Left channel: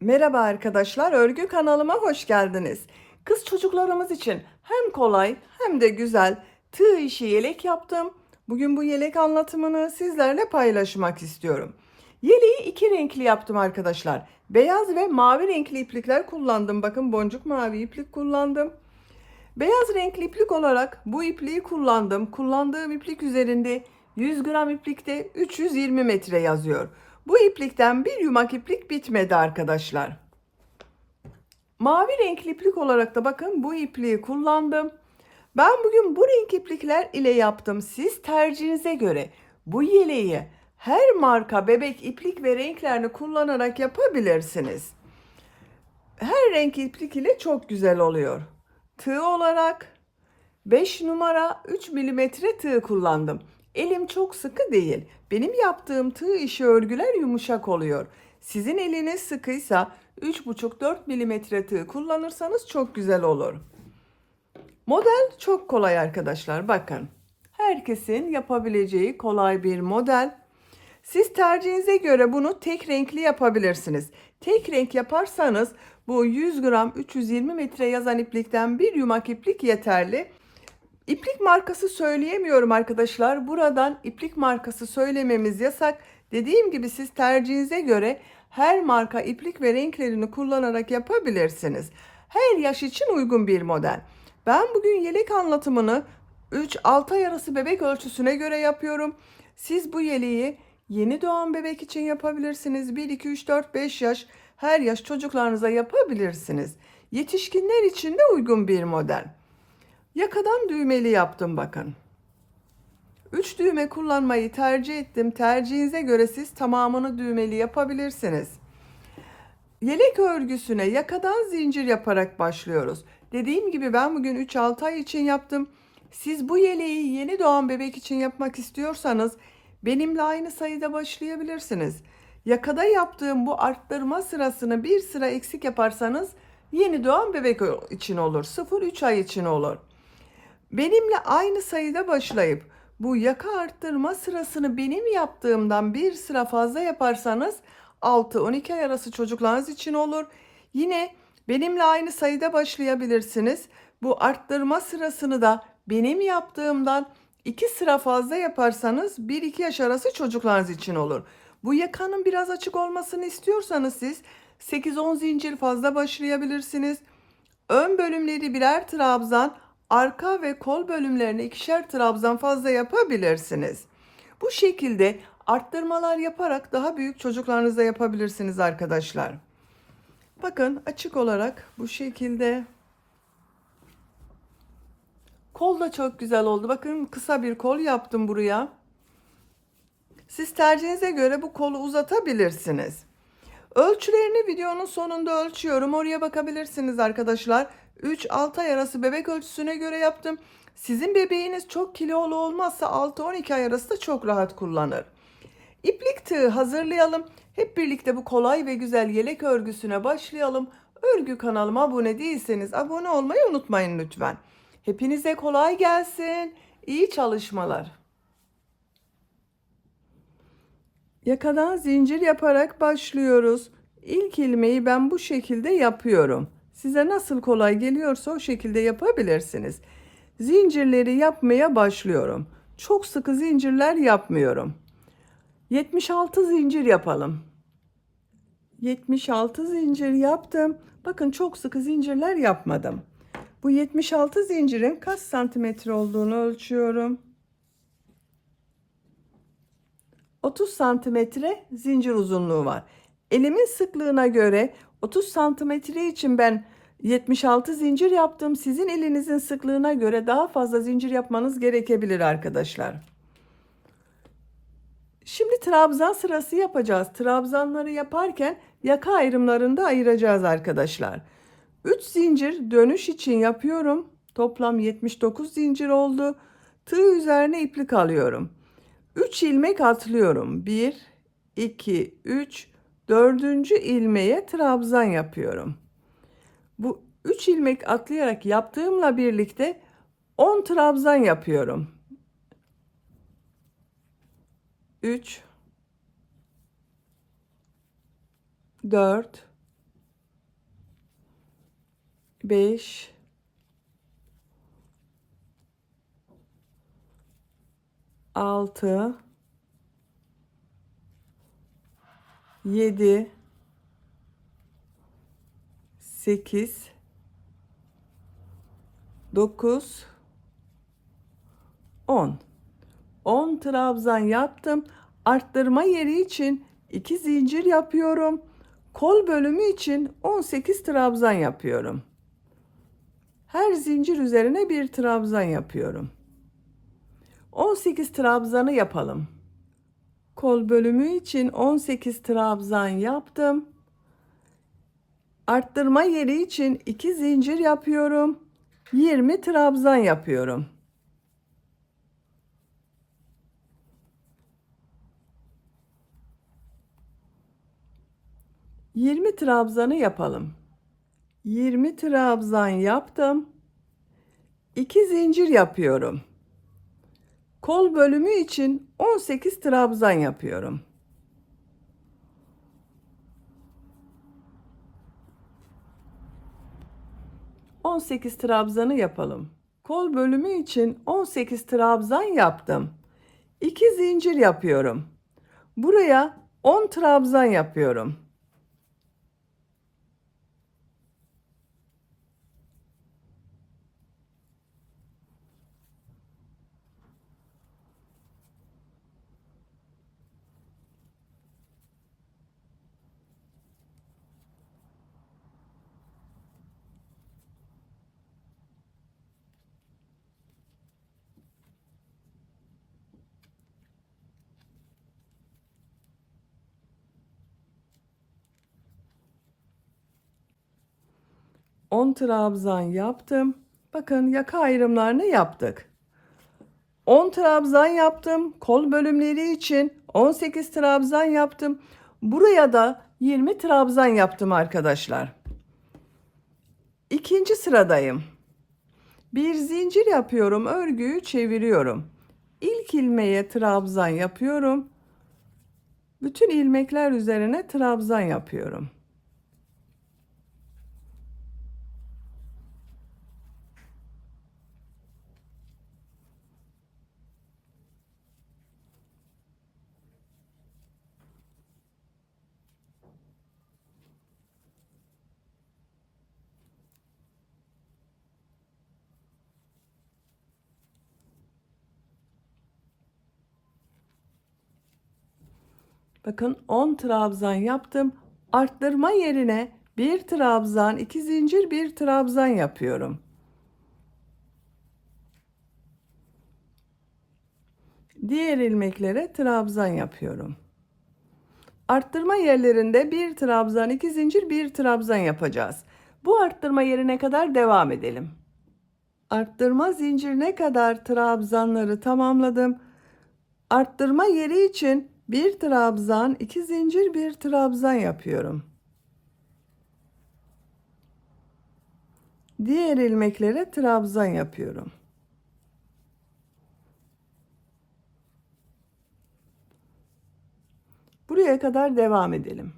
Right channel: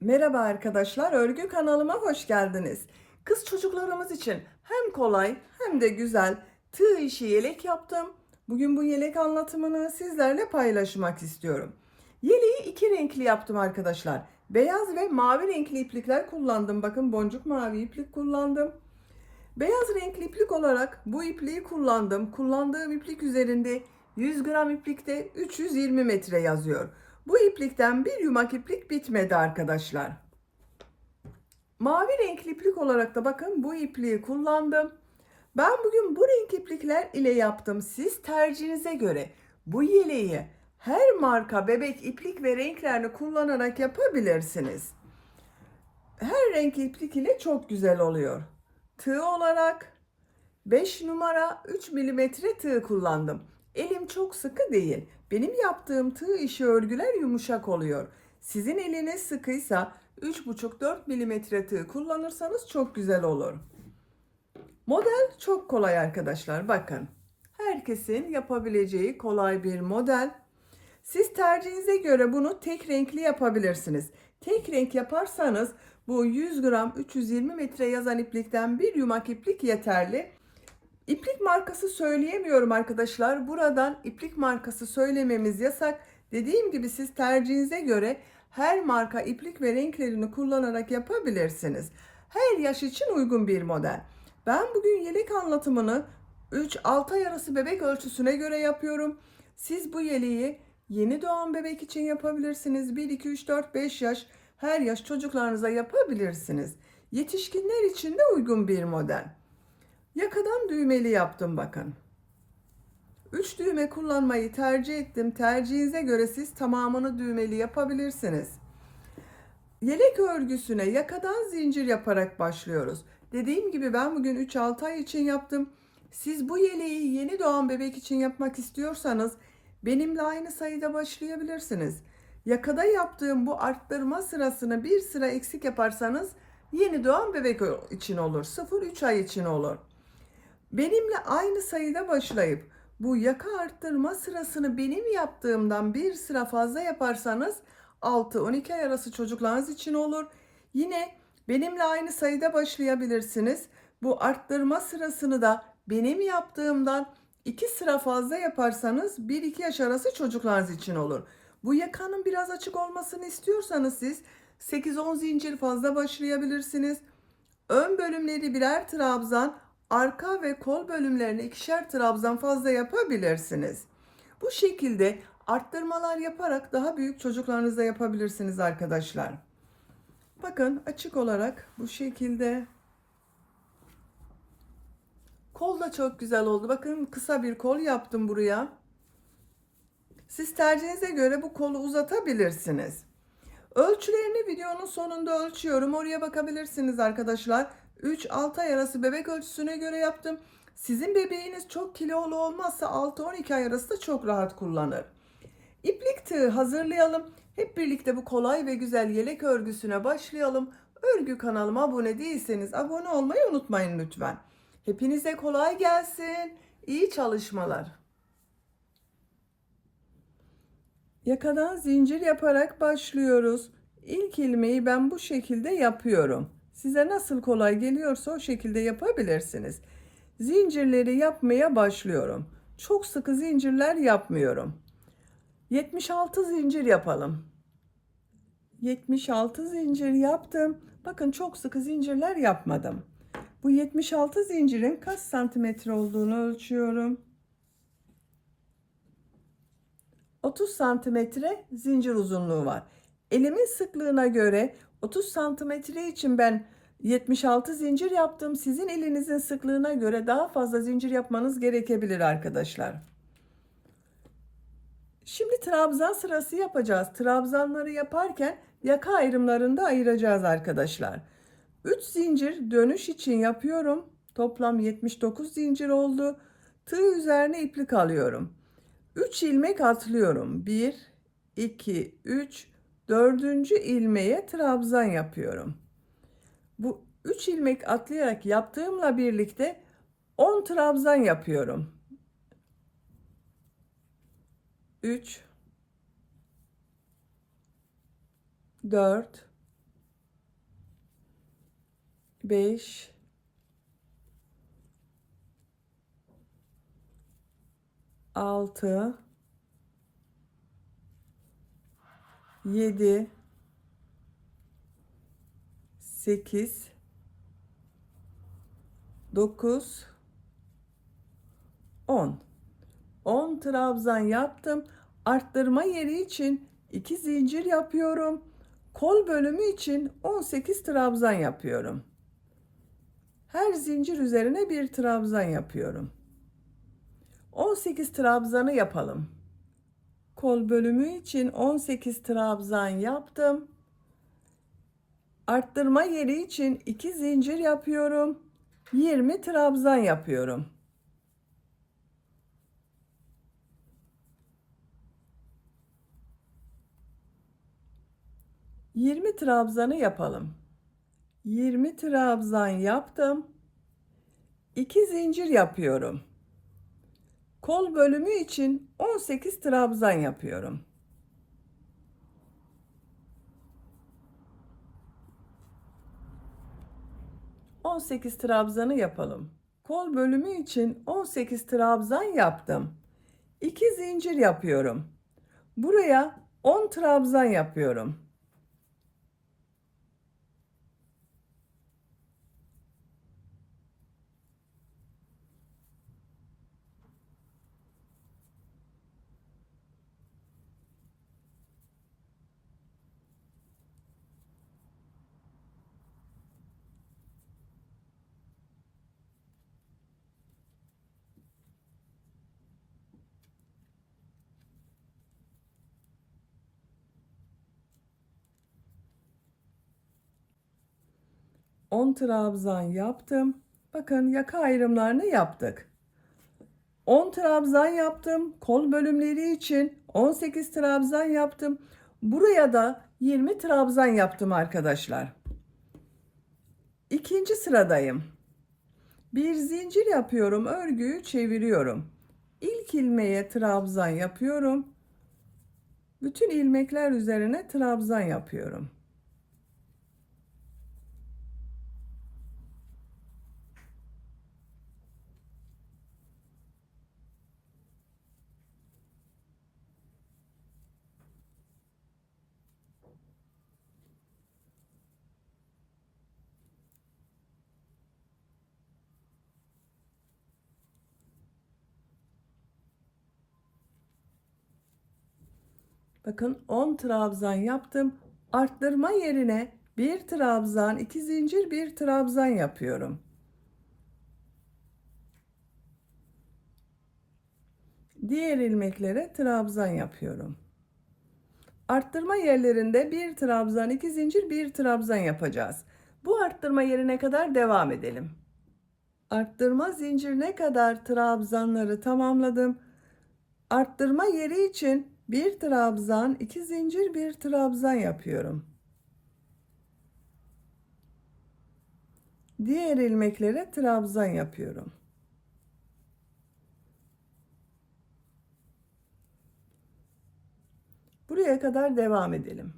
Merhaba arkadaşlar, örgü kanalıma hoş geldiniz. Kız çocuklarımız için hem kolay hem de güzel tığ işi yelek yaptım. Bugün bu yelek anlatımını sizlerle paylaşmak istiyorum. Yeleği iki renkli yaptım arkadaşlar. Beyaz ve mavi renkli iplikler kullandım. Bakın boncuk mavi iplik kullandım. Beyaz renkli iplik olarak bu ipliği kullandım. Kullandığım iplik üzerinde 100 gram iplikte 320 metre yazıyor. Bu iplikten bir yumak iplik bitmedi arkadaşlar. Mavi renkli iplik olarak da bakın bu ipliği kullandım. Ben bugün bu renk iplikler ile yaptım. Siz tercihinize göre bu yeleği her marka bebek iplik ve renklerini kullanarak yapabilirsiniz. Her renk iplik ile çok güzel oluyor. Tığ olarak 5 numara 3 milimetre tığ kullandım. Elim çok sıkı değil. Benim yaptığım tığ işi örgüler yumuşak oluyor. Sizin eliniz sıkıysa 3,5-4 milimetre tığ kullanırsanız çok güzel olur. Model çok kolay arkadaşlar. Bakın. Herkesin yapabileceği kolay bir model. Siz tercihinize göre bunu tek renkli yapabilirsiniz. Tek renk yaparsanız bu 100 gram 320 metre yazan iplikten bir yumak iplik yeterli. İplik markası söyleyemiyorum arkadaşlar. Buradan iplik markası söylememiz yasak. Dediğim gibi siz tercihinize göre her marka iplik ve renklerini kullanarak yapabilirsiniz. Her yaş için uygun bir model. Ben bugün yelek anlatımını 3-6 ay arası bebek ölçüsüne göre yapıyorum. Siz bu yeleği yeni doğan bebek için yapabilirsiniz. 1, 2, 3, 4, 5 yaş her yaş çocuklarınıza yapabilirsiniz. Yetişkinler için de uygun bir model. Yakadan düğmeli yaptım bakın. 3 düğme kullanmayı tercih ettim. Tercihinize göre siz tamamını düğmeli yapabilirsiniz. Yelek örgüsüne yakadan zincir yaparak başlıyoruz. Dediğim gibi ben bugün 3-6 ay için yaptım. Siz bu yeleği yeni doğan bebek için yapmak istiyorsanız benimle aynı sayıda başlayabilirsiniz. Yakada yaptığım bu arttırma sırasını bir sıra eksik yaparsanız yeni doğan bebek için olur. 0-3 ay için olur. Benimle aynı sayıda başlayıp bu yaka arttırma sırasını benim yaptığımdan bir sıra fazla yaparsanız 6-12 ay arası çocuklarınız için olur. Yine benimle aynı sayıda başlayabilirsiniz. Bu arttırma sırasını da benim yaptığımdan 2 sıra fazla yaparsanız 1-2 yaş arası çocuklarınız için olur. Bu yakanın biraz açık olmasını istiyorsanız siz 8-10 zincir fazla başlayabilirsiniz. Ön bölümleri birer trabzan, arka ve kol bölümlerini ikişer trabzan fazla yapabilirsiniz. Bu şekilde arttırmalar yaparak daha büyük çocuklarınızda yapabilirsiniz arkadaşlar. Bakın açık olarak bu şekilde. Kol da çok güzel oldu. Bakın kısa bir kol yaptım buraya. Siz tercihinize göre bu kolu uzatabilirsiniz. Ölçülerini videonun sonunda ölçüyorum. Oraya bakabilirsiniz arkadaşlar. 3-6 ay arası bebek ölçüsüne göre yaptım. Sizin bebeğiniz çok kilolu olmazsa 6-12 ay arası da çok rahat kullanır. İplik tığı hazırlayalım. Hep birlikte bu kolay ve güzel yelek örgüsüne başlayalım. Örgü kanalıma abone değilseniz abone olmayı unutmayın lütfen. Hepinize kolay gelsin. İyi çalışmalar. Yakadan zincir yaparak başlıyoruz. İlk ilmeği ben bu şekilde yapıyorum. Size nasıl kolay geliyorsa o şekilde yapabilirsiniz. Zincirleri yapmaya başlıyorum. Çok sıkı zincirler yapmıyorum. 76 zincir yapalım. 76 zincir yaptım. Bakın çok sıkı zincirler yapmadım. Bu 76 zincirin kaç santimetre olduğunu ölçüyorum. 30 santimetre zincir uzunluğu var. Elimin sıklığına göre 30 santimetre için ben 76 zincir yaptım. Sizin elinizin sıklığına göre daha fazla zincir yapmanız gerekebilir arkadaşlar. Şimdi trabzan sırası yapacağız. Trabzanları yaparken yaka ayrımlarını da ayıracağız arkadaşlar. 3 zincir dönüş için yapıyorum. Toplam 79 zincir oldu. Tığ üzerine iplik alıyorum. 3 ilmek atlıyorum. 1, 2, 3, 4. ilmeğe trabzan yapıyorum. Bu 3 ilmek atlayarak yaptığımla birlikte 10 trabzan yapıyorum. 3, 4, 5, 6, 7, 8, 9, 10. 10 trabzan yaptım. Arttırma yeri için 2 zincir yapıyorum. Kol bölümü için 18 trabzan yapıyorum. Her zincir üzerine bir trabzan yapıyorum. 18 trabzanı yapalım. Kol bölümü için 18 trabzan yaptım. Arttırma yeri için 2 zincir yapıyorum. 20 trabzan yapıyorum. 20 trabzanı yapalım. 20 trabzan yaptım. 2 zincir yapıyorum. Kol bölümü için 18 trabzan yapıyorum. ...18 trabzanı yapalım. Kol bölümü için 18 trabzan yaptım. 2 zincir yapıyorum. Buraya 10 trabzan yapıyorum. On trabzan yaptım. Bakın yaka ayrımlarını yaptık. 10 trabzan yaptım. Kol bölümleri için 18 trabzan yaptım. Buraya da 20 trabzan yaptım arkadaşlar. İkinci sıradayım. Bir zincir yapıyorum. Örgüyü çeviriyorum. İlk ilmeğe trabzan yapıyorum. Bütün ilmekler üzerine trabzan yapıyorum. Bakın 10 trabzan yaptım. Arttırma yerine bir trabzan, 2 zincir, bir trabzan yapıyorum. Diğer ilmeklere trabzan yapıyorum. Arttırma yerlerinde bir trabzan, 2 zincir, bir trabzan yapacağız. Bu arttırma yerine kadar devam edelim. Arttırma zincirine kadar trabzanları tamamladım. Arttırma yeri için bir trabzan, 2 zincir, bir trabzan yapıyorum. Diğer ilmeklere trabzan yapıyorum. Buraya kadar devam edelim.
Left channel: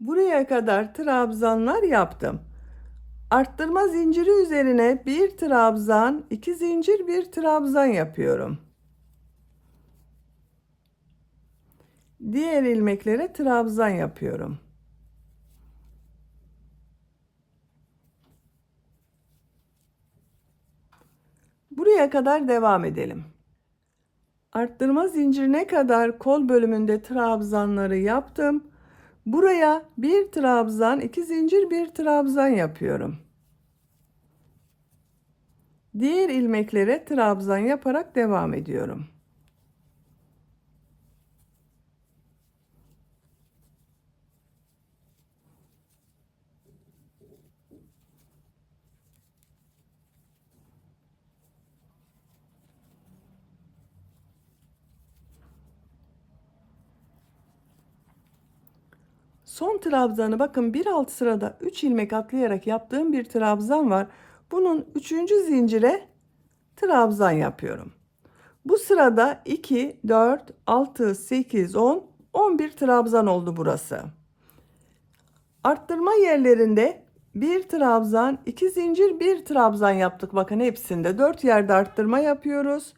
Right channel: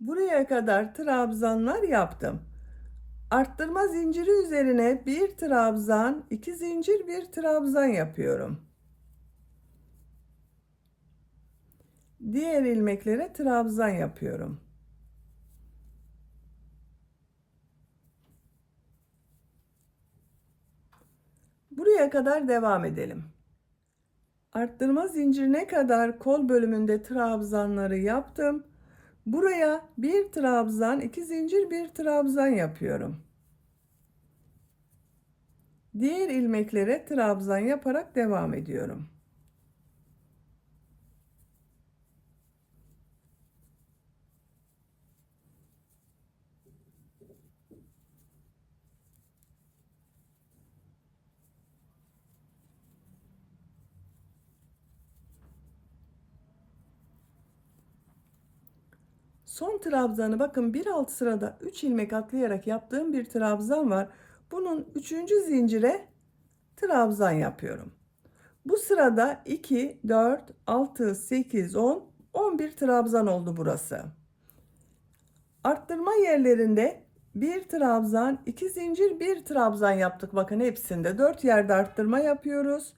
Buraya kadar trabzanlar yaptım. Arttırma zinciri üzerine bir trabzan, 2 zincir, bir trabzan yapıyorum. Diğer ilmeklere trabzan yapıyorum. Buraya kadar devam edelim. Arttırma zincirine kadar kol bölümünde trabzanları yaptım. Buraya bir trabzan, 2 zincir, bir trabzan yapıyorum. Diğer ilmeklere trabzan yaparak devam ediyorum. Son trabzanı bakın bir alt sırada 3 ilmek atlayarak yaptığım bir trabzan var. Bunun 3. zincire trabzan yapıyorum. Bu sırada 2, 4, 6, 8, 10, 11 trabzan oldu burası. Arttırma yerlerinde Bir trabzan, 2 zincir, bir trabzan yaptık. Bakın hepsinde 4 yerde arttırma yapıyoruz.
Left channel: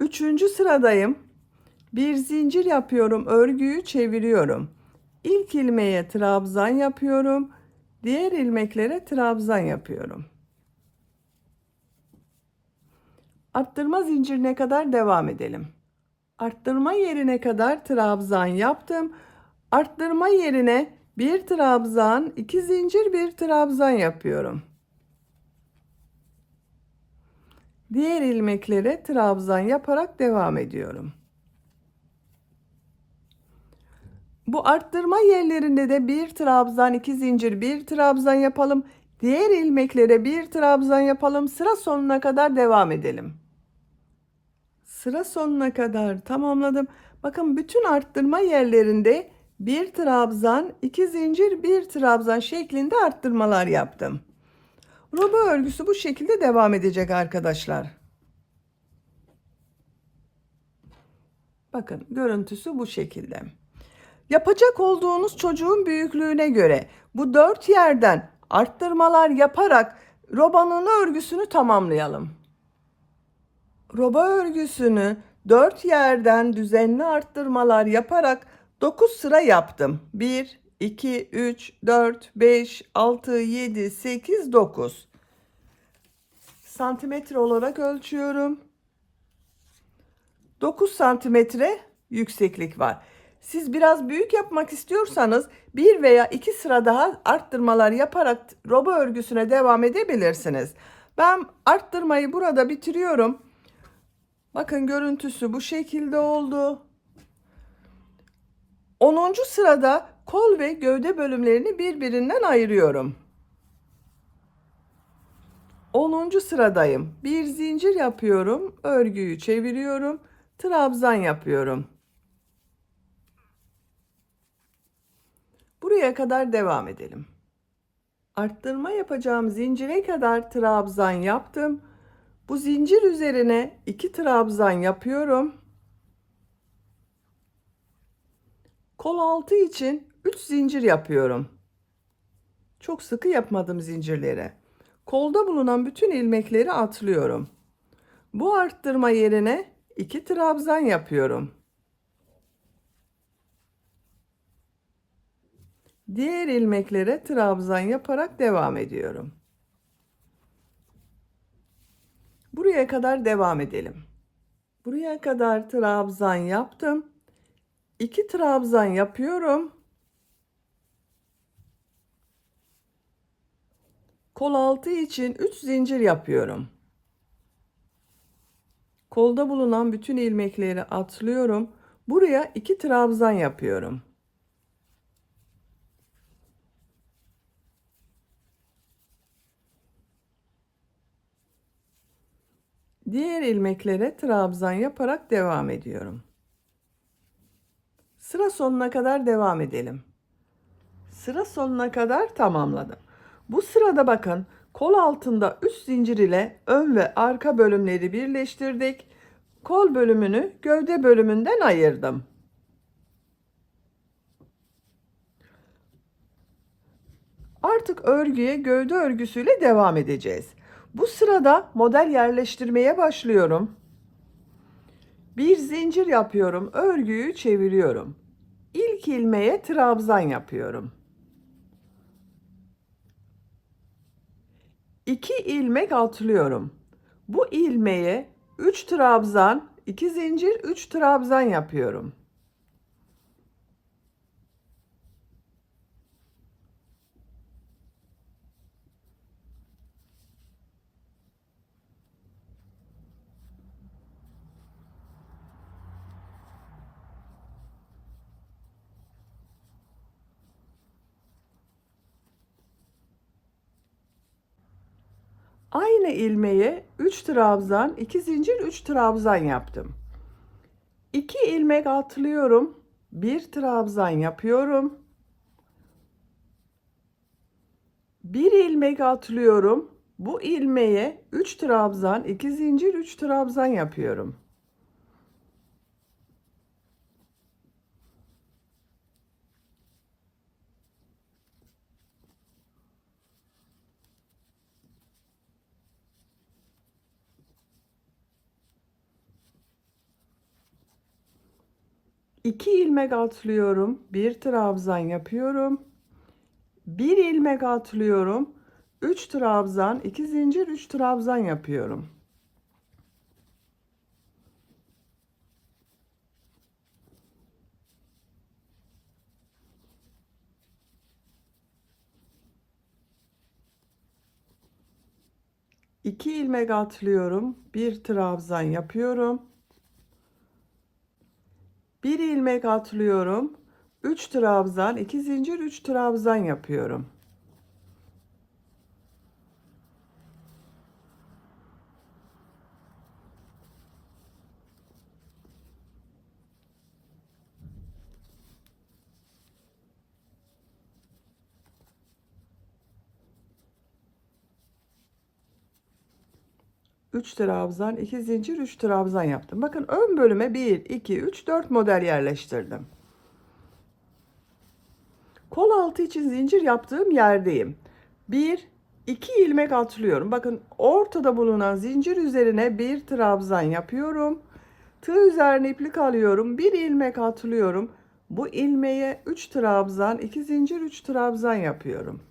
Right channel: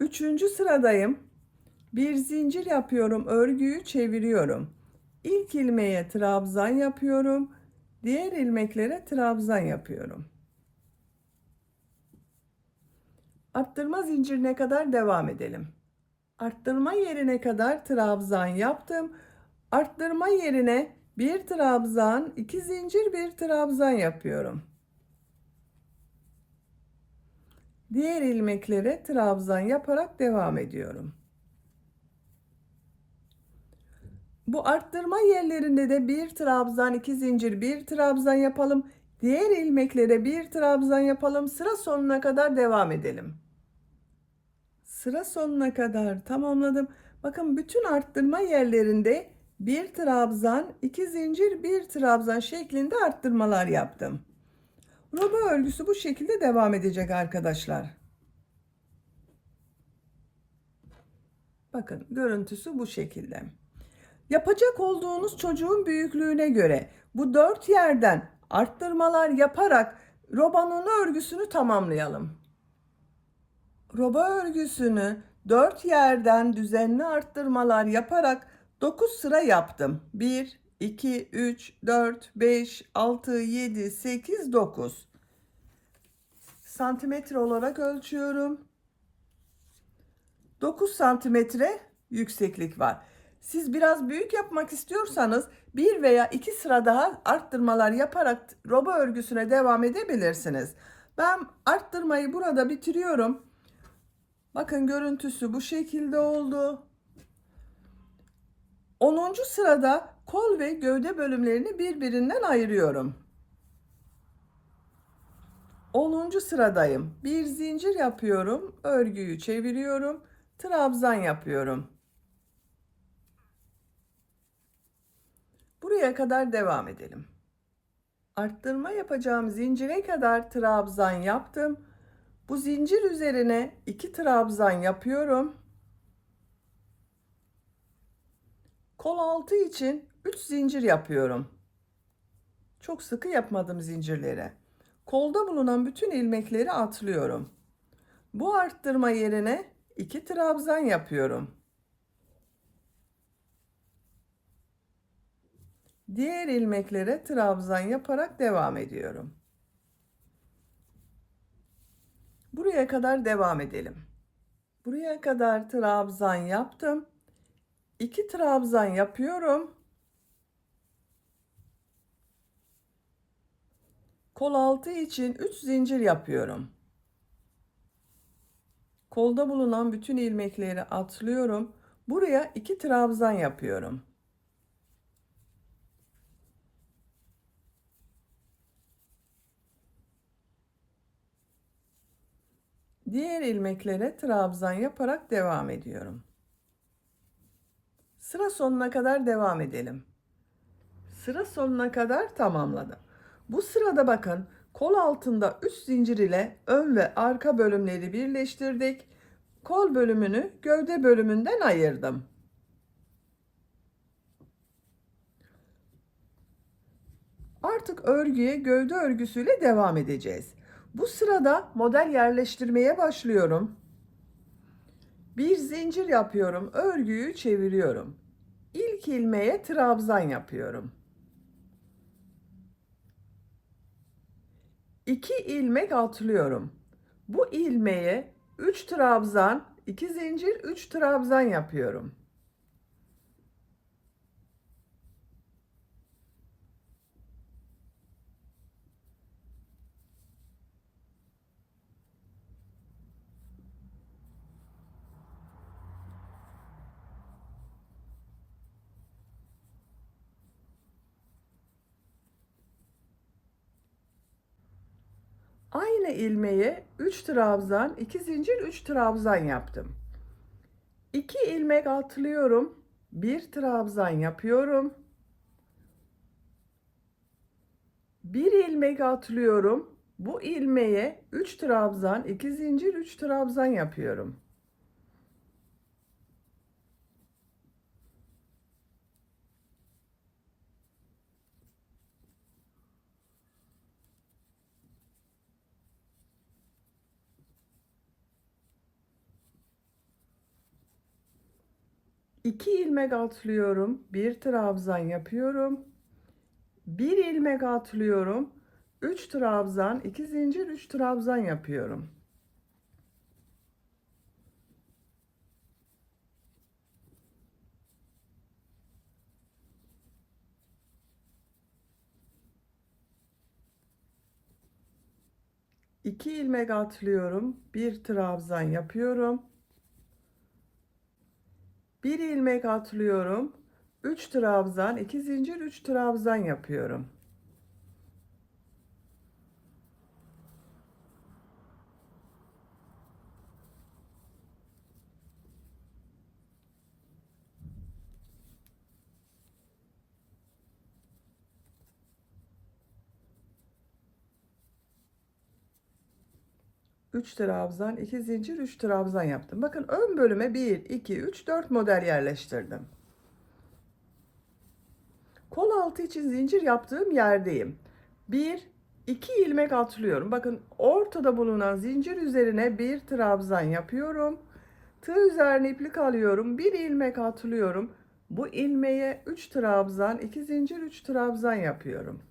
Üçüncü sıradayım. Bir zincir yapıyorum, örgüyü çeviriyorum. İlk ilmeğe trabzan yapıyorum. Diğer ilmeklere trabzan yapıyorum. Arttırma zincirine kadar devam edelim. Arttırma yerine kadar trabzan yaptım. Arttırma yerine bir trabzan, 2 zincir, bir trabzan yapıyorum. Diğer ilmeklere trabzan yaparak devam ediyorum. Bu arttırma yerlerinde de bir trabzan, 2 zincir, bir trabzan yapalım. Diğer ilmeklere bir trabzan yapalım. Sıra sonuna kadar devam edelim. Sıra sonuna kadar tamamladım. Bakın bütün arttırma yerlerinde bir trabzan, 2 zincir, bir trabzan şeklinde arttırmalar yaptım. Roba örgüsü bu şekilde devam edecek arkadaşlar. Bakın görüntüsü bu şekilde. Yapacak olduğunuz çocuğun büyüklüğüne göre bu 4 yerden arttırmalar yaparak robanın örgüsünü tamamlayalım. Roba örgüsünü 4 yerden düzenli arttırmalar yaparak 9 sıra yaptım. 1, 2, 3, 4, 5, 6, 7, 8, 9. Santimetre olarak ölçüyorum. 9 santimetre yükseklik var. Siz biraz büyük yapmak istiyorsanız bir veya iki sıra daha arttırmalar yaparak roba örgüsüne devam edebilirsiniz. Ben arttırmayı burada bitiriyorum. Bakın görüntüsü bu şekilde oldu. 10. sırada kol ve gövde bölümlerini birbirinden ayırıyorum. 10. sıradayım. Bir zincir yapıyorum, örgüyü çeviriyorum, trabzan yapıyorum. Buraya kadar devam edelim. Arttırma yapacağım zincire kadar trabzan yaptım. Bu zincir üzerine 2 trabzan yapıyorum. Kol altı için 3 zincir yapıyorum. Çok sıkı yapmadım zincirlere. Kolda bulunan bütün ilmekleri atlıyorum. Bu arttırma yerine 2 trabzan yapıyorum. Diğer ilmeklere trabzan yaparak devam ediyorum. Buraya kadar devam edelim. Buraya kadar trabzan yaptım. 2 trabzan yapıyorum. Kol altı için 3 zincir yapıyorum. Kolda bulunan bütün ilmekleri atlıyorum. Buraya 2 trabzan yapıyorum. Diğer ilmeklere trabzan yaparak devam ediyorum. Sıra sonuna kadar devam edelim. Sıra sonuna kadar tamamladım. Bu sırada bakın kol altında 3 zincir ile ön ve arka bölümleri birleştirdik. Kol bölümünü gövde bölümünden ayırdım. Artık örgüye gövde örgüsüyle devam edeceğiz. Bu sırada model yerleştirmeye başlıyorum. Bir zincir yapıyorum, örgüyü çeviriyorum. İlk ilmeğe trabzan yapıyorum. 2 ilmek atlıyorum. Bu ilmeğe 3 trabzan, 2 zincir, 3 trabzan yapıyorum. Aynı ilmeğe 3 trabzan, 2 zincir, 3 trabzan yaptım. 2 ilmek atlıyorum. 1 trabzan yapıyorum. 1 ilmek atlıyorum. Bu ilmeğe 3 trabzan, 2 zincir, 3 trabzan yapıyorum. 2 ilmek atlıyorum, bir trabzan yapıyorum. 1 ilmek atlıyorum, 3 trabzan, 2 zincir, 3 trabzan yapıyorum. İki ilmek atlıyorum, bir trabzan yapıyorum. Bir ilmek atlıyorum, 3 trabzan, 2 zincir, 3 trabzan yapıyorum. Üç trabzan, 2 zincir, 3 trabzan yaptım. Bakın ön bölüme 1, 2, 3, 4 model yerleştirdim. Kol altı için zincir yaptığım yerdeyim. 1, 2 ilmek atlıyorum. Bakın ortada bulunan zincir üzerine bir trabzan yapıyorum. Tığ üzerine iplik alıyorum. Bir ilmek atlıyorum. Bu ilmeğe 3 trabzan, 2 zincir, 3 trabzan yapıyorum.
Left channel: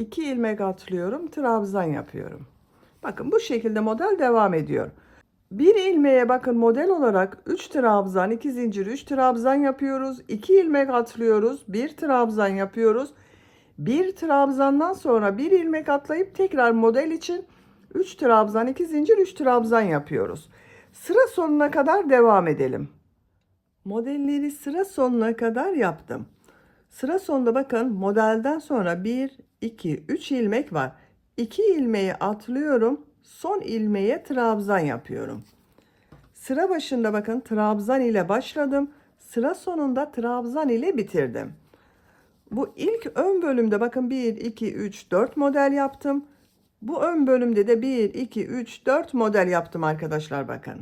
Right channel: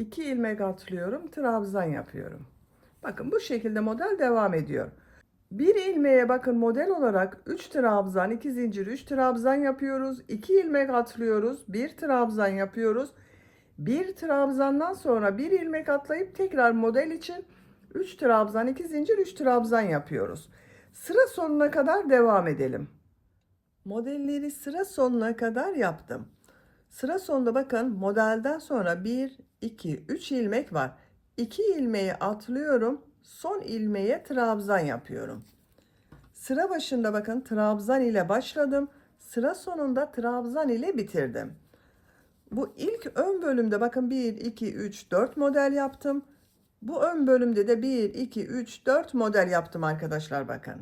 İki ilmek atlıyorum, trabzan yapıyorum. Bakın bu şekilde model devam ediyor. Bir ilmeğe bakın model olarak 3 trabzan, 2 zincir, 3 trabzan yapıyoruz. 2 ilmek atlıyoruz, bir trabzan yapıyoruz. Bir trabzandan sonra bir ilmek atlayıp tekrar model için 3 trabzan, 2 zincir, 3 trabzan yapıyoruz. Sıra sonuna kadar devam edelim. Modelleri sıra sonuna kadar yaptım. Sıra sonunda bakın modelden sonra 1, 2, 3 ilmek var. 2 ilmeği atlıyorum. Son ilmeğe trabzan yapıyorum. Sıra başında bakın trabzan ile başladım. Sıra sonunda trabzan ile bitirdim. Bu ilk ön bölümde bakın 1, 2, 3, 4 model yaptım. Bu ön bölümde de 1, 2, 3, 4 model yaptım arkadaşlar bakın.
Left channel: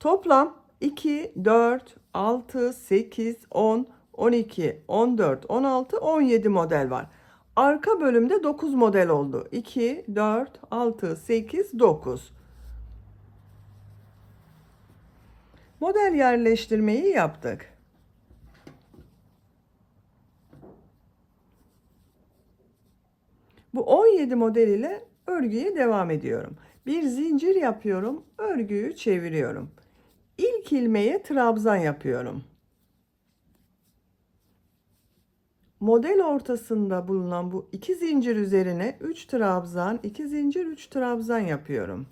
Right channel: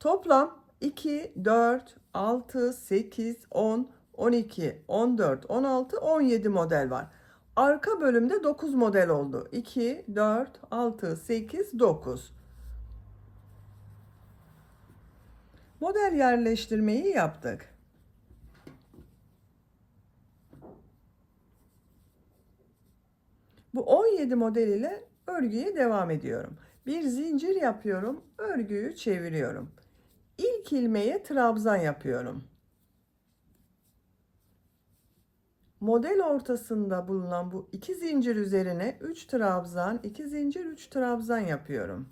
Toplam 2, 4, 6, 8, 10, 12, 14, 16, 17 model var. Arka bölümde 9 model oldu. 2, 4, 6, 8, 9. Model yerleştirmeyi yaptık. Bu 17 model ile örgüye devam ediyorum. Bir zincir yapıyorum, örgüyü çeviriyorum. İlk ilmeğe trabzan yapıyorum. Model ortasında bulunan bu iki zincir üzerine 3 trabzan, 2 zincir, 3 trabzan yapıyorum.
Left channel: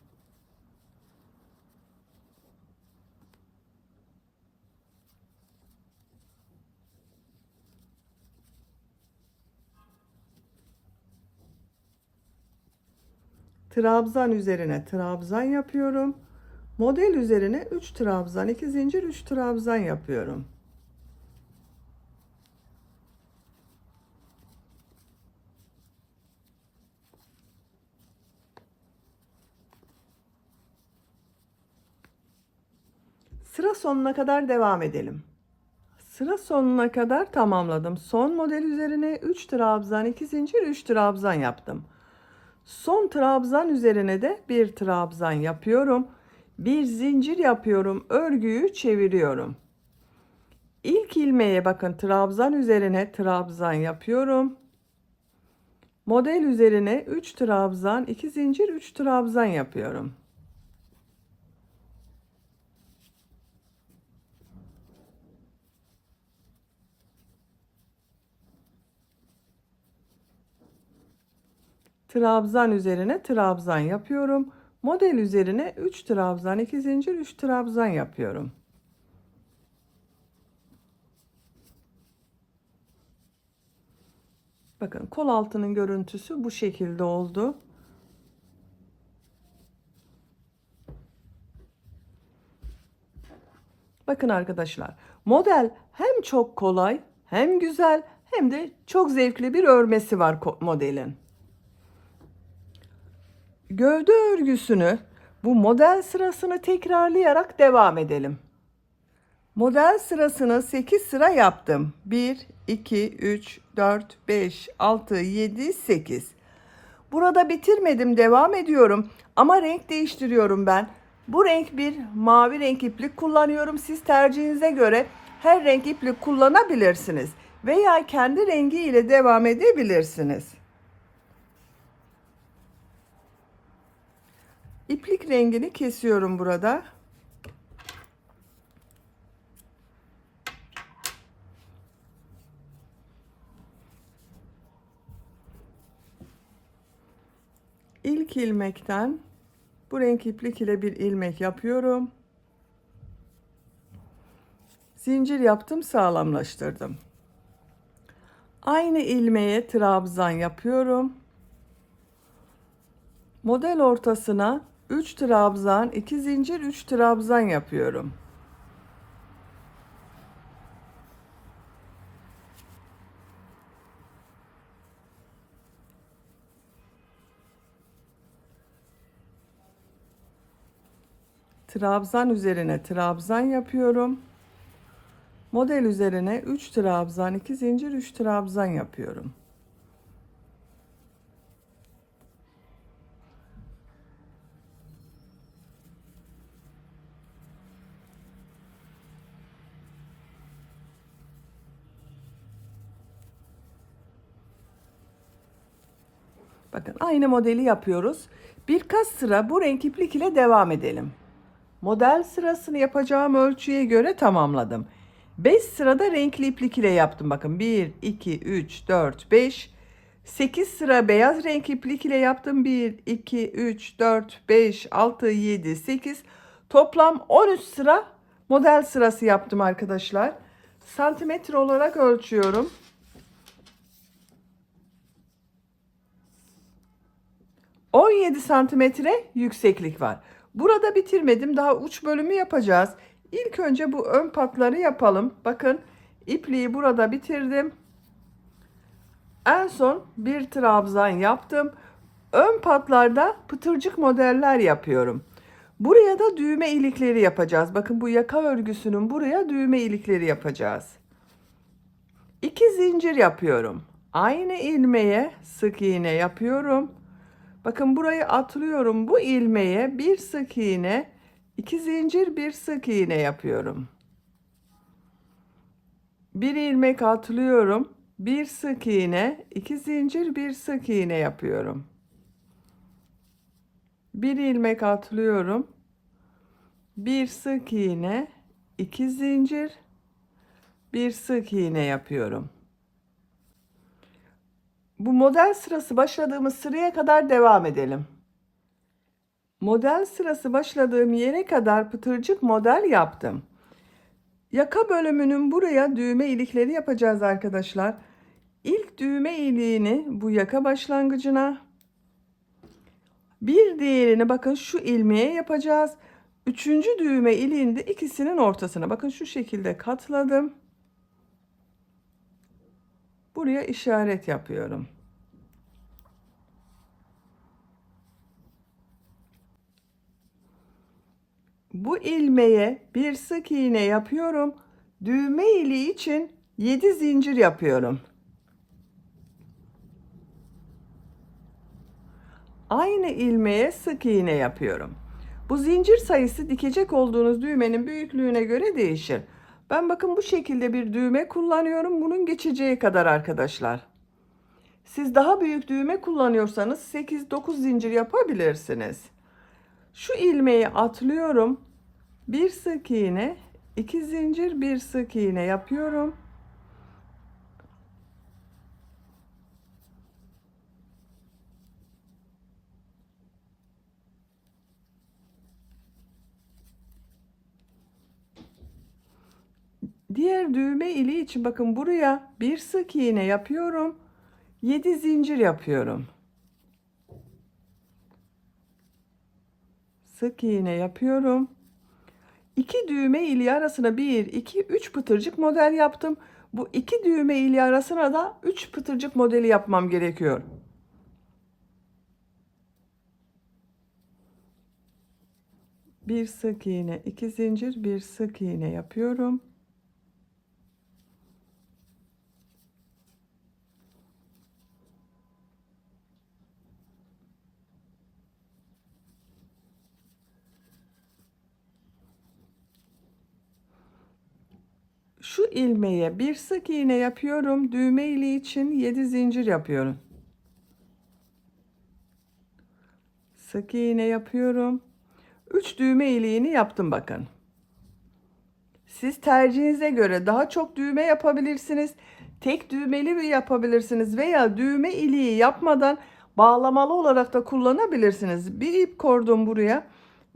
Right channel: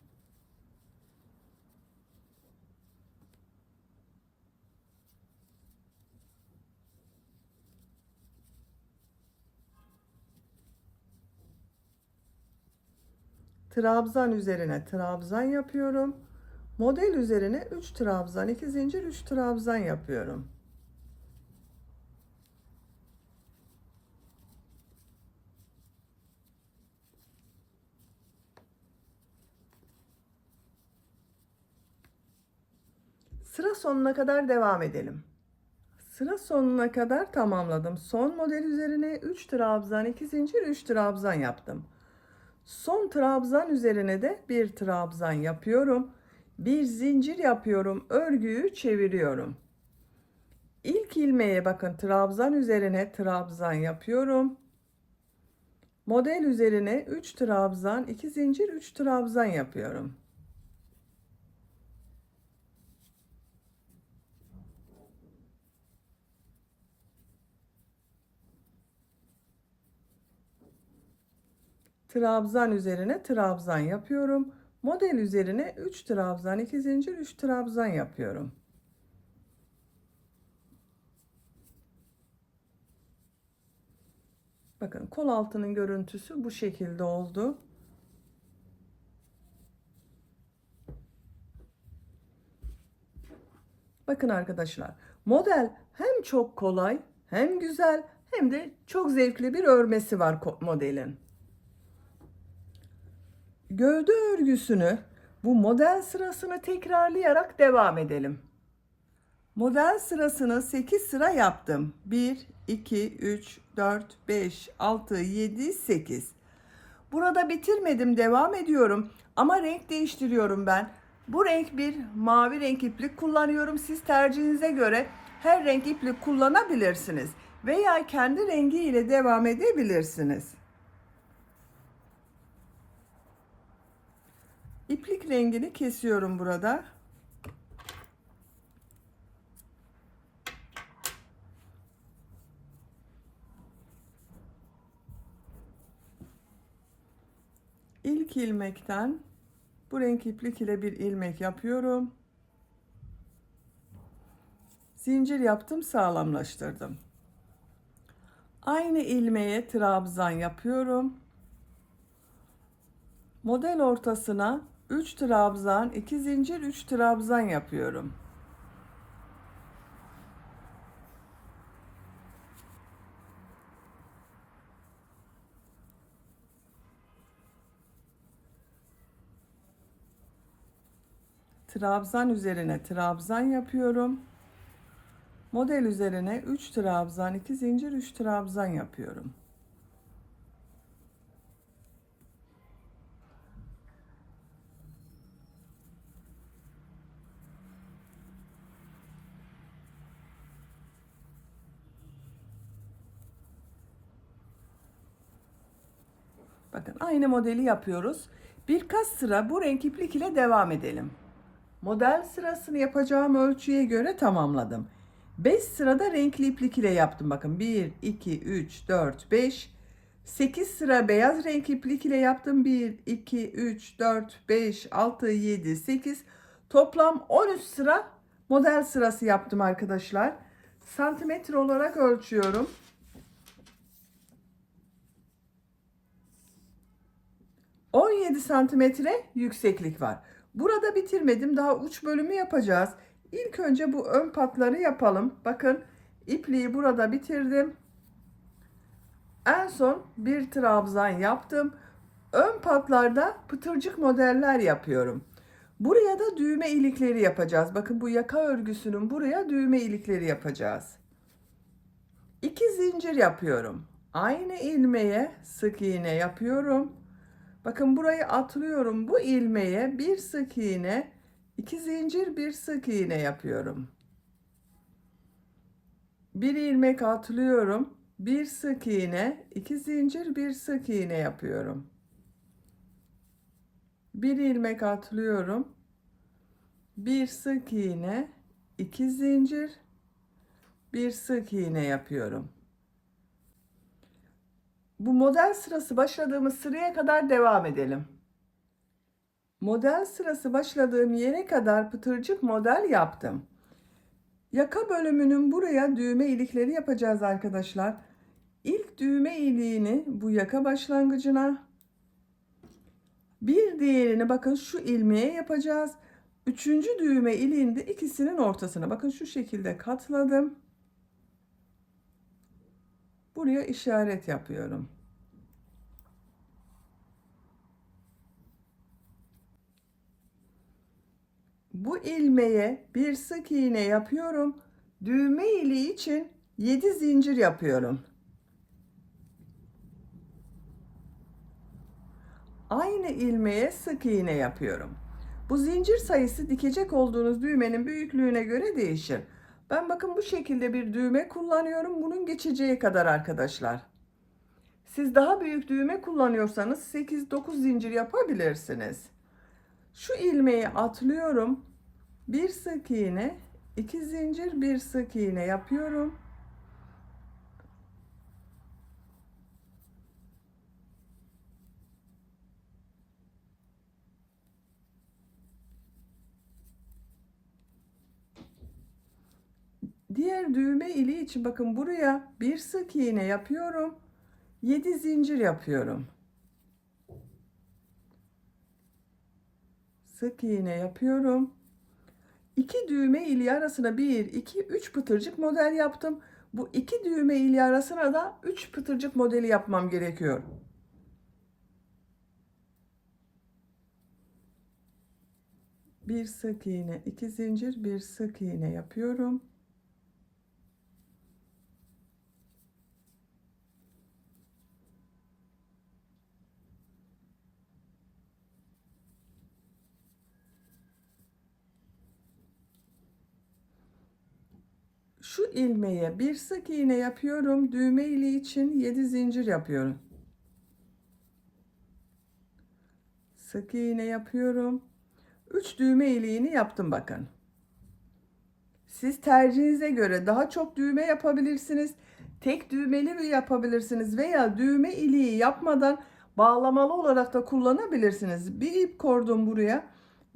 Trabzan üzerine trabzan yapıyorum. Model üzerine 3 trabzan, 2 zincir, 3 trabzan yapıyorum. Sıra sonuna kadar devam edelim. Sıra sonuna kadar tamamladım. Son model üzerine 3 trabzan, 2 zincir, 3 trabzan yaptım. Son trabzan üzerine de bir trabzan yapıyorum. Bir zincir yapıyorum. Örgüyü çeviriyorum. İlk ilmeğe bakın trabzan üzerine trabzan yapıyorum. Model üzerine 3 trabzan, 2 zincir, 3 trabzan yapıyorum. Trabzan üzerine trabzan yapıyorum. Model üzerine 3 trabzan, 2 zincir, 3 trabzan yapıyorum. Bakın kol altının görüntüsü bu şekilde oldu. Bakın arkadaşlar, model hem çok kolay, hem güzel, hem de çok zevkli bir örmesi var modelin. Gövde örgüsünü bu model sırasını tekrarlayarak devam edelim. Model sırasını 8 sıra yaptım. 1, 2, 3, 4, 5, 6, 7, 8. Burada bitirmedim, devam ediyorum. Ama renk değiştiriyorum ben. Bu renk bir mavi renk iplik kullanıyorum. Siz tercihinize göre her renk iplik kullanabilirsiniz. Veya kendi rengi ile devam edebilirsiniz. İplik rengini kesiyorum burada. İlk ilmekten bu renk iplik ile bir ilmek yapıyorum. Zincir yaptım, sağlamlaştırdım. Aynı ilmeğe trabzan yapıyorum. Model ortasına 3 trabzan, 2 zincir, 3 trabzan yapıyorum. Trabzan üzerine trabzan yapıyorum. Model üzerine 3 trabzan, 2 zincir, 3 trabzan yapıyorum. Bakın aynı modeli yapıyoruz. Birkaç sıra bu renk iplik ile devam edelim. Model sırasını yapacağım ölçüye göre tamamladım. 5 sırada renkli iplik ile yaptım. Bakın 1, 2, 3, 4, 5. 8 sıra beyaz renk iplik ile yaptım. 1, 2, 3, 4, 5, 6, 7, 8. Toplam 13 sıra model sırası yaptım arkadaşlar. Santimetre olarak ölçüyorum. 17 santimetre yükseklik var. Burada bitirmedim. Daha uç bölümü yapacağız. İlk önce bu ön patları yapalım. Bakın ipliği burada bitirdim. En son bir trabzan yaptım. Ön patlarda pıtırcık modeller yapıyorum. Buraya da düğme ilikleri yapacağız. Bakın bu yaka örgüsünün buraya düğme ilikleri yapacağız. 2 zincir yapıyorum. Aynı ilmeğe sık iğne yapıyorum. Bakın burayı atlıyorum. Bu ilmeğe bir sık iğne, 2 zincir, bir sık iğne yapıyorum. Bir ilmek atlıyorum. Bir sık iğne, 2 zincir, bir sık iğne yapıyorum. Bir ilmek atlıyorum. Bir sık iğne, 2 zincir, bir sık iğne yapıyorum. Bu model sırası başladığımız sıraya kadar devam edelim. Model sırası başladığım yere kadar pıtırcık model yaptım. Yaka bölümünün buraya düğme ilikleri yapacağız arkadaşlar. İlk düğme iliğini bu yaka başlangıcına, bir diğerini bakın şu ilmeğe yapacağız. Üçüncü düğme iliğini de ikisinin ortasına bakın şu şekilde katladım. Buraya işaret yapıyorum. Bu ilmeğe bir sık iğne yapıyorum. Düğme iliği için 7 zincir yapıyorum. Aynı ilmeğe sık iğne yapıyorum. Bu zincir sayısı dikecek olduğunuz düğmenin büyüklüğüne göre değişir. Ben bakın bu şekilde bir düğme kullanıyorum. Bunun geçeceği kadar arkadaşlar. Siz daha büyük düğme kullanıyorsanız 8-9 zincir yapabilirsiniz. Şu ilmeği atlıyorum. Bir sık iğne, 2 zincir, bir sık iğne yapıyorum. Diğer düğme iliği için bakın buraya bir sık iğne yapıyorum. 7 zincir yapıyorum. Sık iğne yapıyorum. 2 düğme iliği arasına 1, 2, 3 pıtırcık model yaptım. Bu 2 düğme iliği arasına da 3 pıtırcık modeli yapmam gerekiyor. Bir sık iğne, 2 zincir, bir sık iğne yapıyorum. Şu ilmeğe bir sık iğne yapıyorum. Düğme iliği için 7 zincir yapıyorum. Sık iğne yapıyorum. 3 düğme iliğini yaptım bakın. Siz tercihinize göre daha çok düğme yapabilirsiniz. Tek düğmeli bir yapabilirsiniz veya düğme iliği yapmadan bağlamalı olarak da kullanabilirsiniz. Bir ip kordon buraya,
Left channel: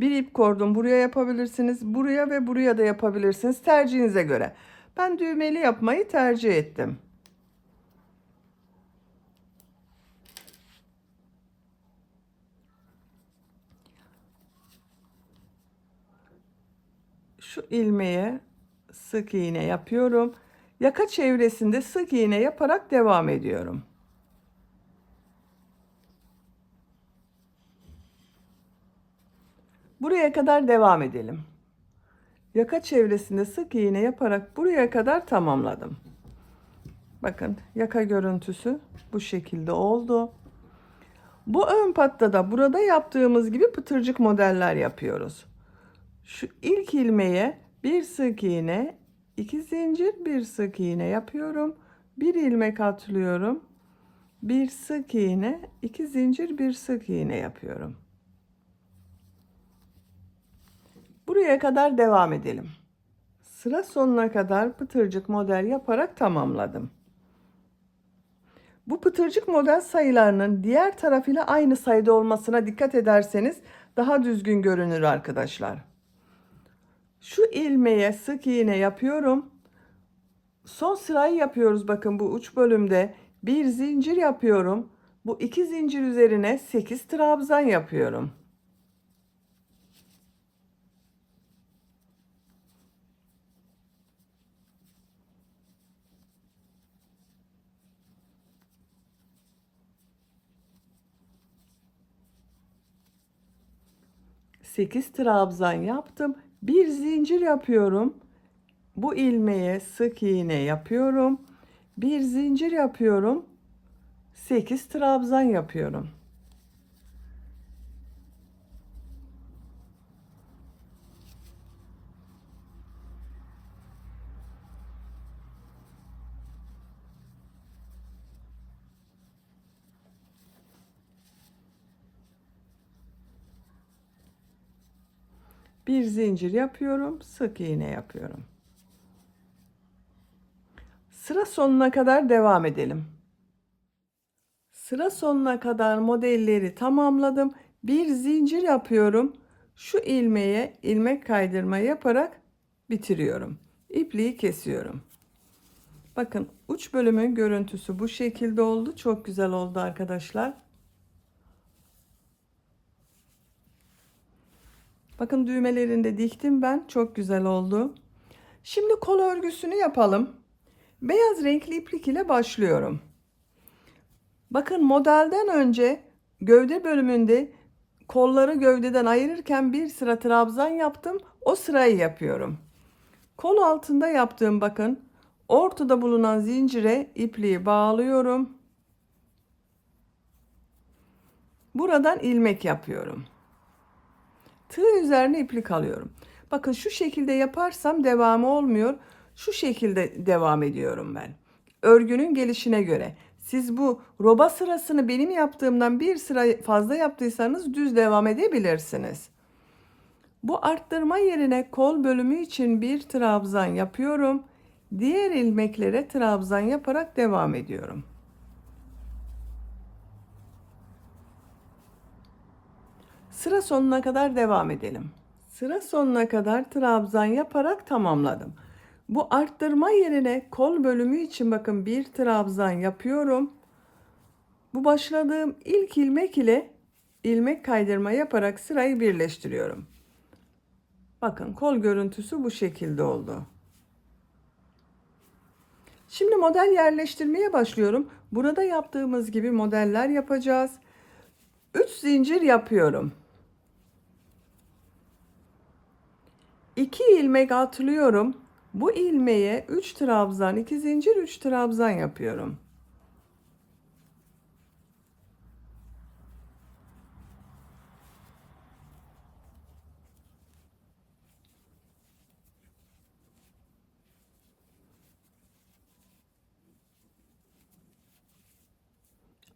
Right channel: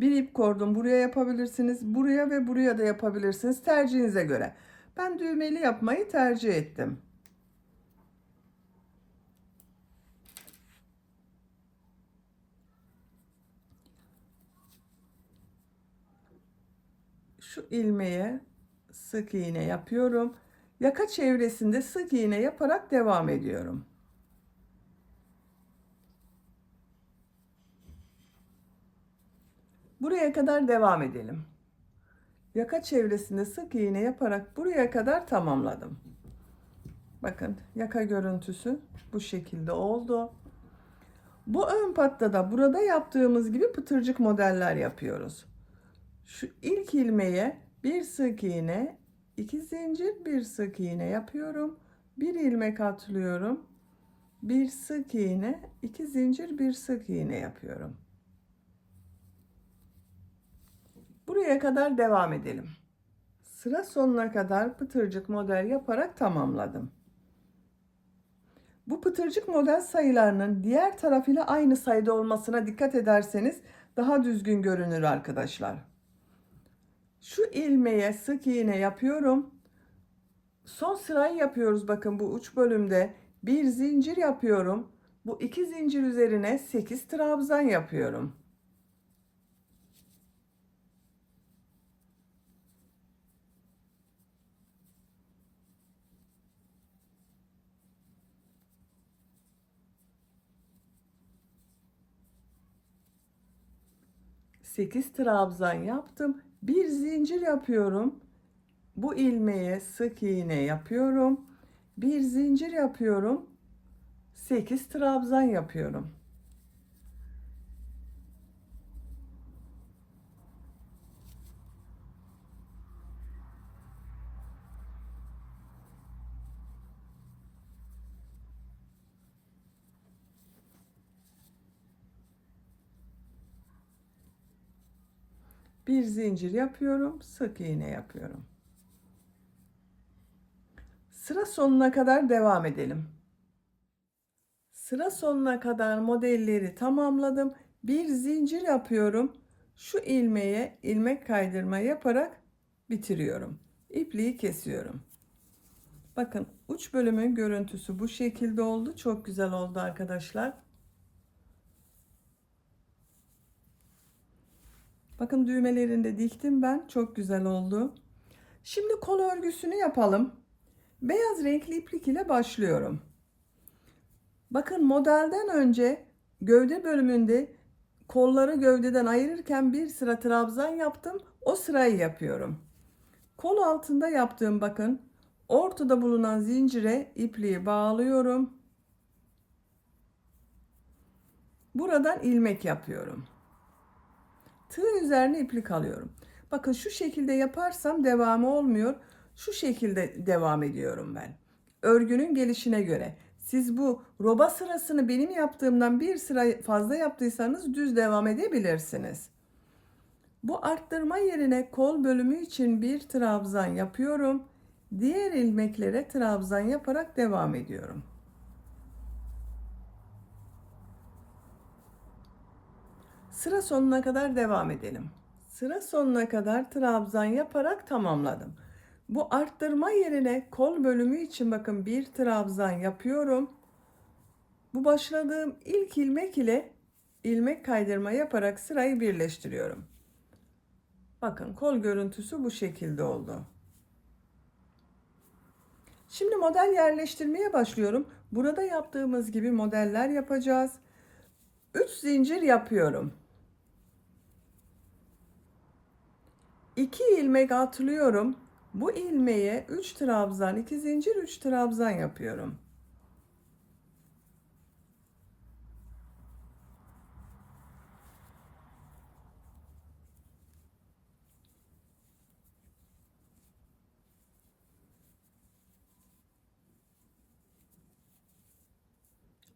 bir ip kordon buraya yapabilirsiniz. Buraya ve buraya da yapabilirsiniz tercihinize göre. Ben düğmeli yapmayı tercih ettim. Şu ilmeğe sık iğne yapıyorum. Yaka çevresinde sık iğne yaparak devam ediyorum. Buraya kadar devam edelim. Yaka çevresinde sık iğne yaparak buraya kadar tamamladım. Bakın yaka görüntüsü bu şekilde oldu. Bu ön patta da burada yaptığımız gibi pıtırcık modeller yapıyoruz. Şu ilk ilmeğe bir sık iğne, 2 zincir, bir sık iğne yapıyorum. Bir ilmek atlıyorum. Bir sık iğne, 2 zincir, bir sık iğne yapıyorum. Buraya kadar devam edelim. Sıra sonuna kadar pıtırcık model yaparak tamamladım. Bu pıtırcık model sayılarının diğer tarafıyla aynı sayıda olmasına dikkat ederseniz daha düzgün görünür arkadaşlar. Şu ilmeğe sık iğne yapıyorum. Son sırayı yapıyoruz bakın bu uç bölümde. Bir zincir yapıyorum. Bu 2 zincir üzerine 8 trabzan yapıyorum. Sekiz trabzan yaptım. Bir zincir yapıyorum. Bu ilmeğe sık iğne yapıyorum. Bir zincir yapıyorum. 8 trabzan yapıyorum. Bir zincir yapıyorum, sık iğne yapıyorum. Sıra sonuna kadar devam edelim. Sıra sonuna kadar modelleri tamamladım. Bir zincir yapıyorum. Şu ilmeğe ilmek kaydırma yaparak bitiriyorum. İpliği kesiyorum. Bakın uç bölümün görüntüsü bu şekilde oldu. Çok güzel oldu arkadaşlar. Bakın düğmelerini de diktim ben. Çok güzel oldu. Şimdi kol örgüsünü yapalım. Beyaz renkli iplik ile başlıyorum. Bakın modelden önce gövde bölümünde kolları gövdeden ayırırken bir sıra trabzan yaptım. O sırayı yapıyorum. Kol altında yaptığım bakın ortada bulunan zincire ipliği bağlıyorum. Buradan ilmek yapıyorum. Tığ üzerine iplik alıyorum. Bakın şu şekilde yaparsam devamı olmuyor. Şu şekilde devam ediyorum ben. Örgünün gelişine göre. Siz bu roba sırasını benim yaptığımdan bir sıra fazla yaptıysanız düz devam edebilirsiniz. Bu arttırma yerine kol bölümü için bir trabzan yapıyorum. Diğer ilmeklere trabzan yaparak devam ediyorum. Sıra sonuna kadar devam edelim. Sıra sonuna kadar trabzan yaparak tamamladım. Bu arttırma yerine kol bölümü için bakın bir trabzan yapıyorum. Bu başladığım ilk ilmek ile ilmek kaydırma yaparak sırayı birleştiriyorum. Bakın kol görüntüsü bu şekilde oldu. Şimdi model yerleştirmeye başlıyorum. Burada yaptığımız gibi modeller yapacağız. 3 zincir yapıyorum. 2 ilmek atlıyorum. Bu ilmeğe 3 trabzan, 2 zincir, 3 trabzan yapıyorum.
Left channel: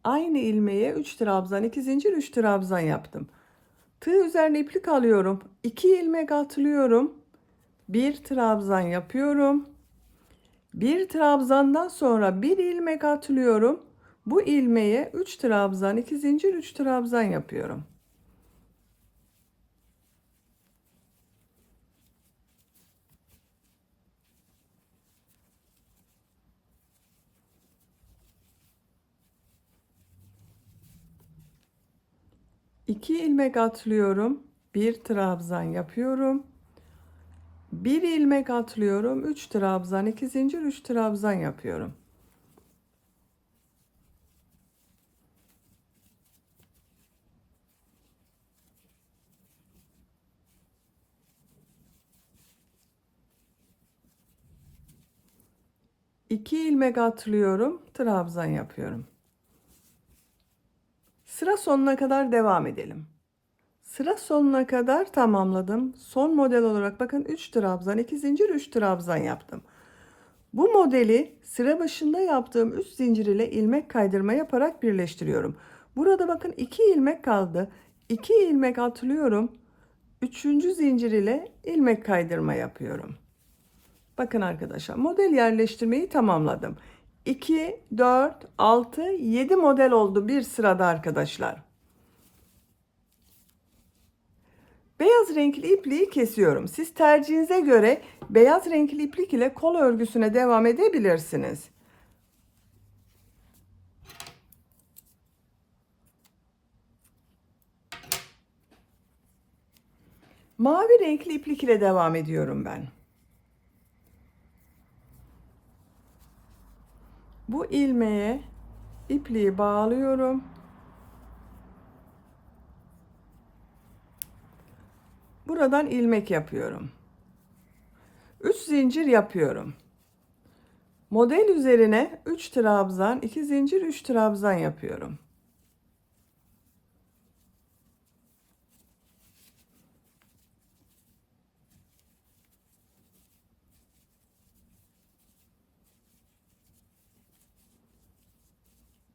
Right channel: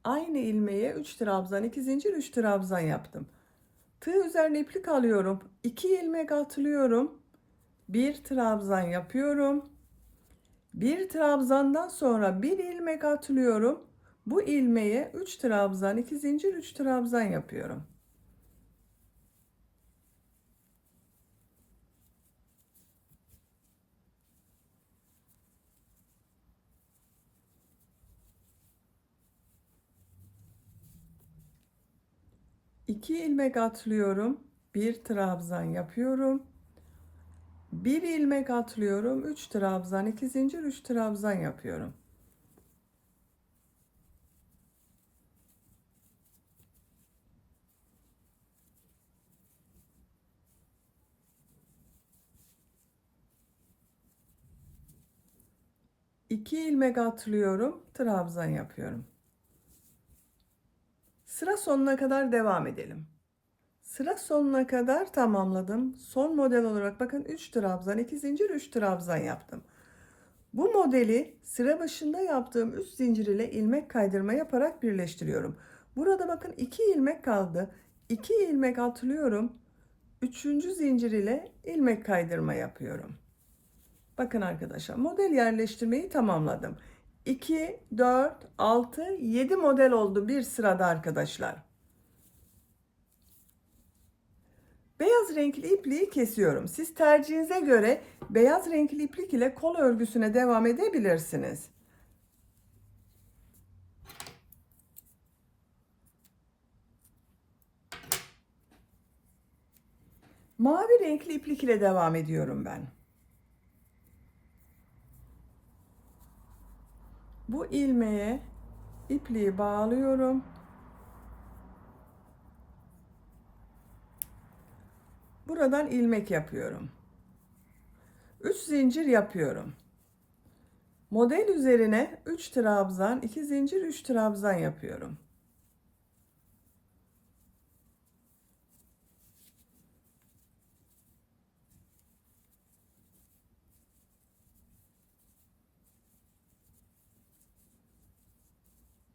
Aynı ilmeğe 3 trabzan, 2 zincir, 3 trabzan yaptım. Tığ üzerine iplik alıyorum. 2 ilmek atlıyorum. 1 trabzan yapıyorum. Bir trabzandan sonra bir ilmek atlıyorum. Bu ilmeğe 3 trabzan, 2 zincir, 3 trabzan yapıyorum. İki ilmek atlıyorum. Bir trabzan yapıyorum. Bir ilmek atlıyorum. 3 trabzan, 2 zincir, 3 trabzan yapıyorum. İki ilmek atlıyorum. Trabzan yapıyorum. Sıra sonuna kadar devam edelim. Sıra sonuna kadar tamamladım. Son model olarak bakın 3 trabzan, 2 zincir, 3 trabzan yaptım. Bu modeli sıra başında yaptığım 3 zincir ile ilmek kaydırma yaparak birleştiriyorum. Burada bakın 2 ilmek kaldı. 2 ilmek atlıyorum. 3. zincir ile ilmek kaydırma yapıyorum. Bakın arkadaşlar, model yerleştirmeyi tamamladım. 2, 4, 6, 7 model oldu bir sırada arkadaşlar. Beyaz renkli ipliği kesiyorum. Siz tercihinize göre beyaz renkli iplik ile kol örgüsüne devam edebilirsiniz. Mavi renkli iplik ile devam ediyorum ben. Bu ilmeğe ipliği bağlıyorum. Buradan ilmek yapıyorum. 3 zincir yapıyorum. Model üzerine 3 trabzan, 2 zincir, 3 trabzan yapıyorum.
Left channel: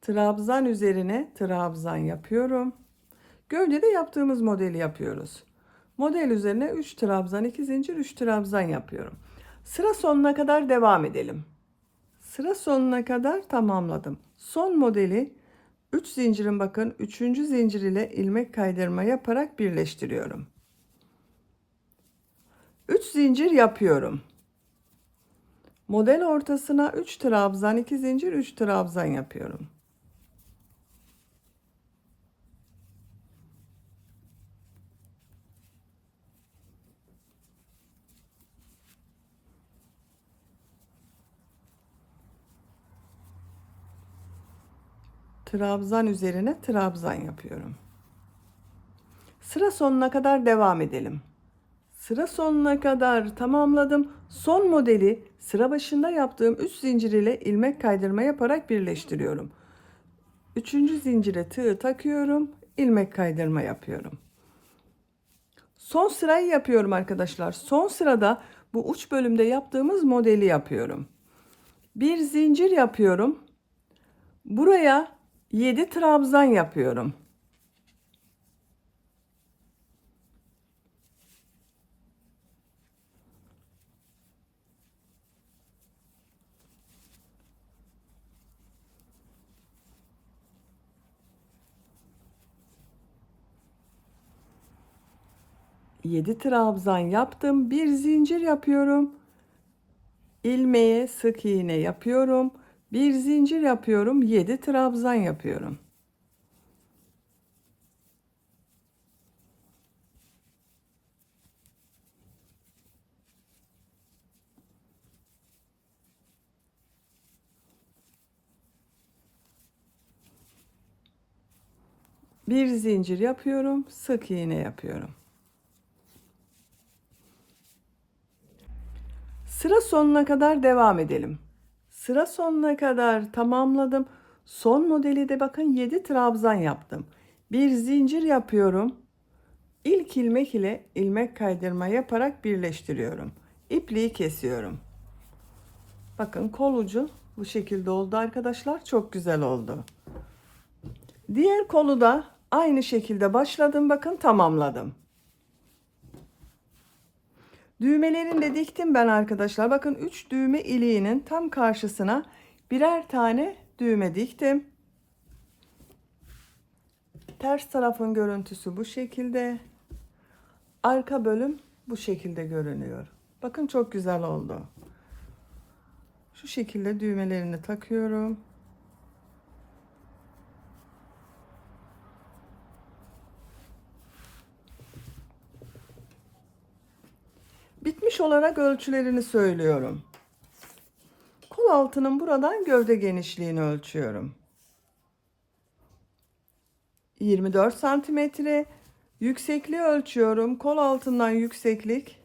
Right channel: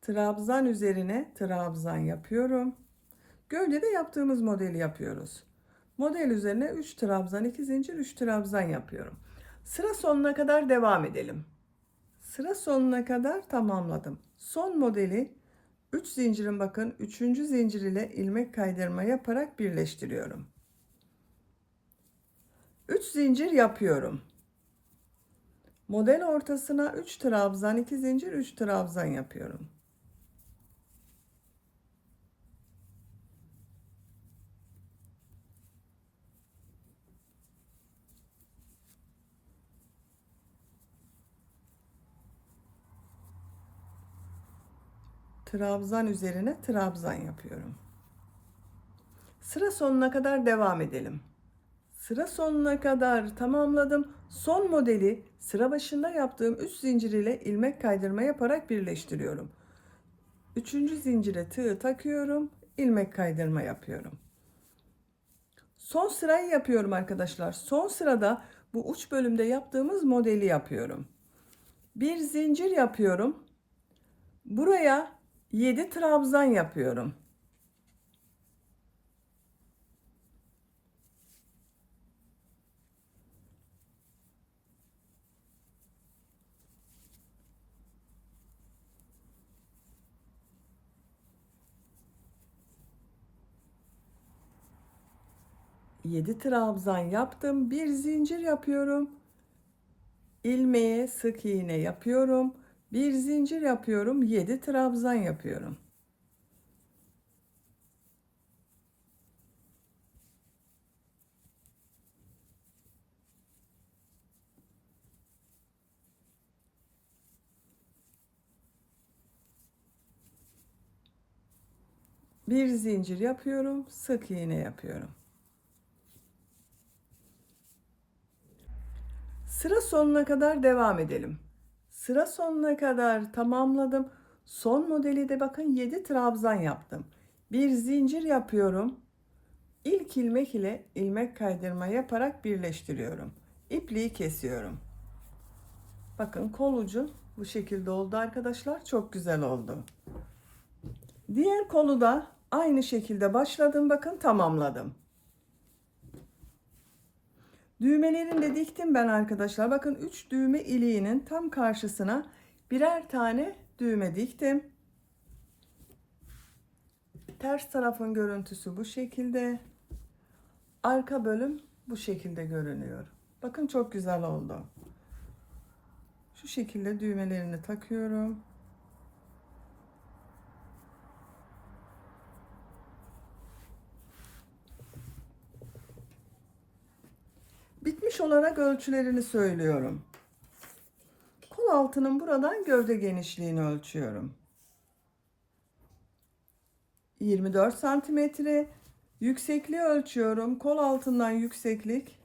Trabzan üzerine trabzan yapıyorum. Gövdede yaptığımız modeli yapıyoruz. Model üzerine 3 trabzan, 2 zincir, 3 trabzan yapıyorum. Sıra sonuna kadar devam edelim. Sıra sonuna kadar tamamladım. Son modeli 3 zincirin bakın 3. zincir ile ilmek kaydırma yaparak birleştiriyorum. 3 zincir yapıyorum. Model ortasına 3 trabzan, 2 zincir, 3 trabzan yapıyorum. Trabzan üzerine trabzan yapıyorum. Sıra sonuna kadar devam edelim. Sıra sonuna kadar tamamladım. Son modeli sıra başında yaptığım 3 zincir ile ilmek kaydırma yaparak birleştiriyorum. 3. zincire tığ takıyorum, ilmek kaydırma yapıyorum. Son sırayı yapıyorum arkadaşlar. Son sırada bu uç bölümde yaptığımız modeli yapıyorum. Bir zincir yapıyorum. Buraya 7 trabzan yapıyorum. 7 trabzan yaptım. Bir zincir yapıyorum. İlmeğe sık iğne yapıyorum. Bir zincir yapıyorum. 7 trabzan yapıyorum. Bir zincir yapıyorum. Sık iğne yapıyorum. Sıra sonuna kadar devam edelim. Sıra sonuna kadar tamamladım. Son modeli de bakın 7 trabzan yaptım. Bir zincir yapıyorum. İlk ilmek ile ilmek kaydırma yaparak birleştiriyorum. İpliği kesiyorum. Bakın kol ucu bu şekilde oldu arkadaşlar. Çok güzel oldu. Diğer kolu da aynı şekilde başladım. Bakın tamamladım. Düğmelerini de diktim ben arkadaşlar. Bakın 3 düğme iliğinin tam karşısına birer tane düğme diktim. Ters tarafın görüntüsü bu şekilde. Arka bölüm bu şekilde görünüyor. Bakın çok güzel oldu. Şu şekilde düğmelerini takıyorum. Bitmiş olarak ölçülerini söylüyorum. Kol altının buradan gövde genişliğini ölçüyorum. 24 santimetre. Yüksekliği ölçüyorum. Kol altından yükseklik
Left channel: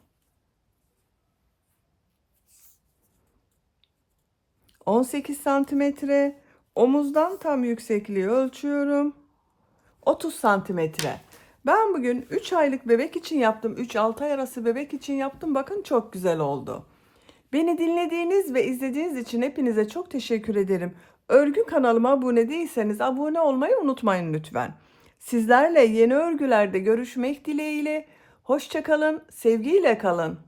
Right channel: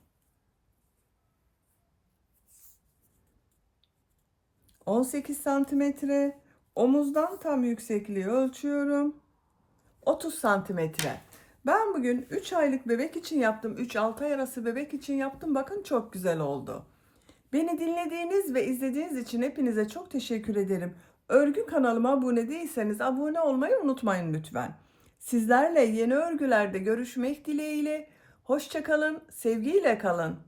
18 santimetre. Omuzdan tam yüksekliği ölçüyorum. 30 santimetre. Ben bugün 3 aylık bebek için yaptım. 3-6 ay arası bebek için yaptım. Bakın çok güzel oldu. Beni dinlediğiniz ve izlediğiniz için hepinize çok teşekkür ederim. Örgü kanalıma abone değilseniz abone olmayı unutmayın lütfen. Sizlerle yeni örgülerde görüşmek dileğiyle. Hoşça kalın, sevgiyle kalın.